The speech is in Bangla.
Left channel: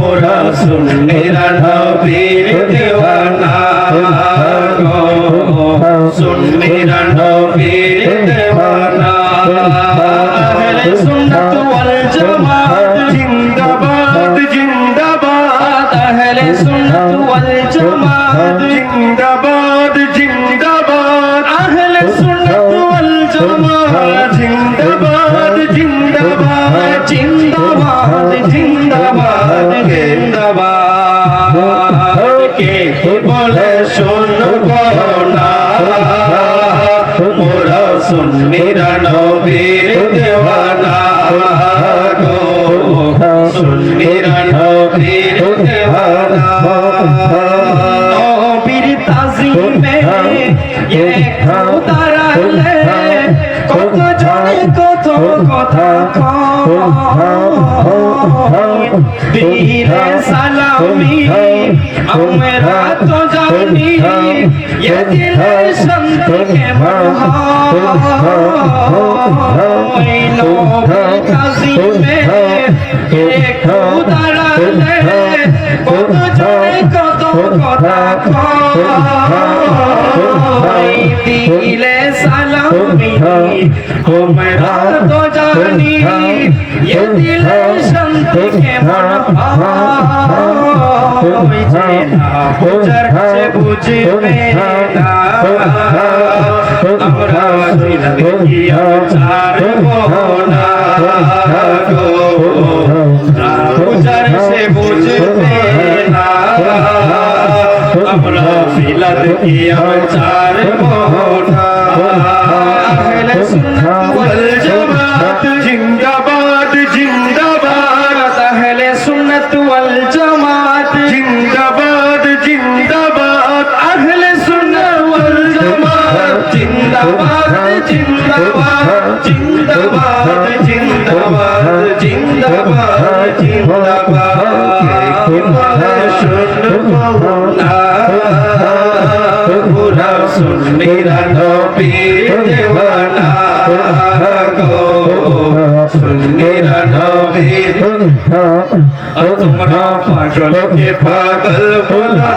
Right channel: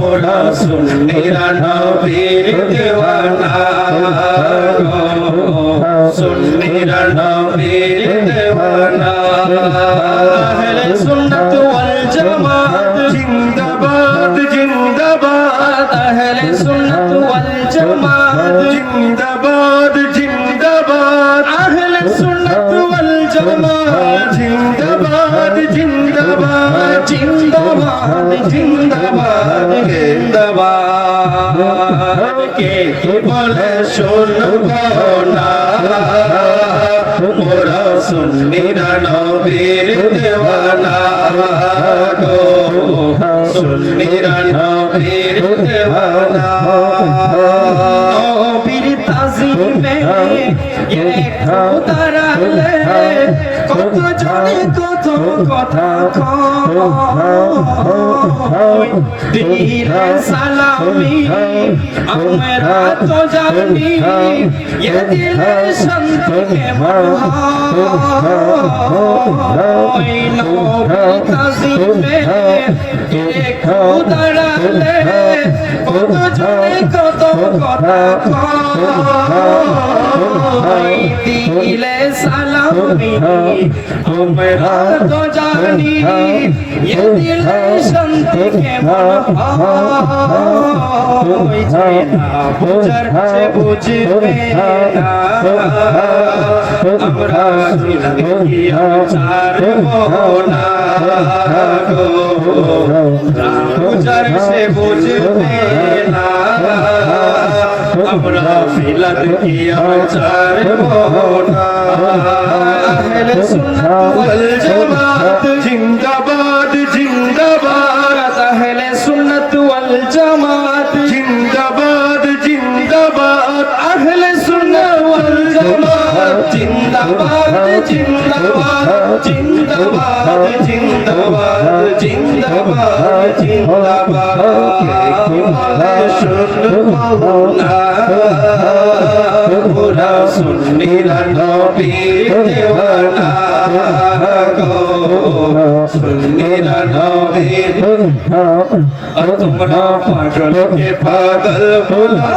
মোরা সুন্নিরা নবীর দেওয়ানা গো সুন্নিরা নবীর দেওয়ানা আহলে সুন্নাত ওয়াল জামাত, জিন্দাবাদ জিন্দাবাদ। আহলে সুন্নাত ওয়াল জামাত, জিন্দাবাদ জিন্দাবাদ জিন্দাবাদ কে বলে শুনব না মোরা সুন্নিরা নবীর দেওয়ানা গো সুন্নিরা নবীর দেওয়ানা নবীর তাজিমে এ খোদারালে দিলে সালামি আমরা তো জানি এ দিলে শান্তিকে মহায় নবীর তাজিমে এ খোদারালে কত জানে কত কথা কয় দিলে সালামি আমরা তো জানি এ দিলে শান্তিকে মহায় যে না বুঝার সে বুঝবে না আমরা দিল দেখিয়া ছাড়ব না গো না বুঝার সে বুঝবে না আমরা দিল দেখিয়া ছাড়ব না জিন্দাবাদ জিন্দাবাদ জিন্দাবাদ জিন্দাবাদ জিন্দাবাদ জিন্দাবাদ শুনব পুরা সুন্নিরা নবীর দেওয়ানা গো সুন্নিরা আর তোমরা পাগলকে পাগল বলা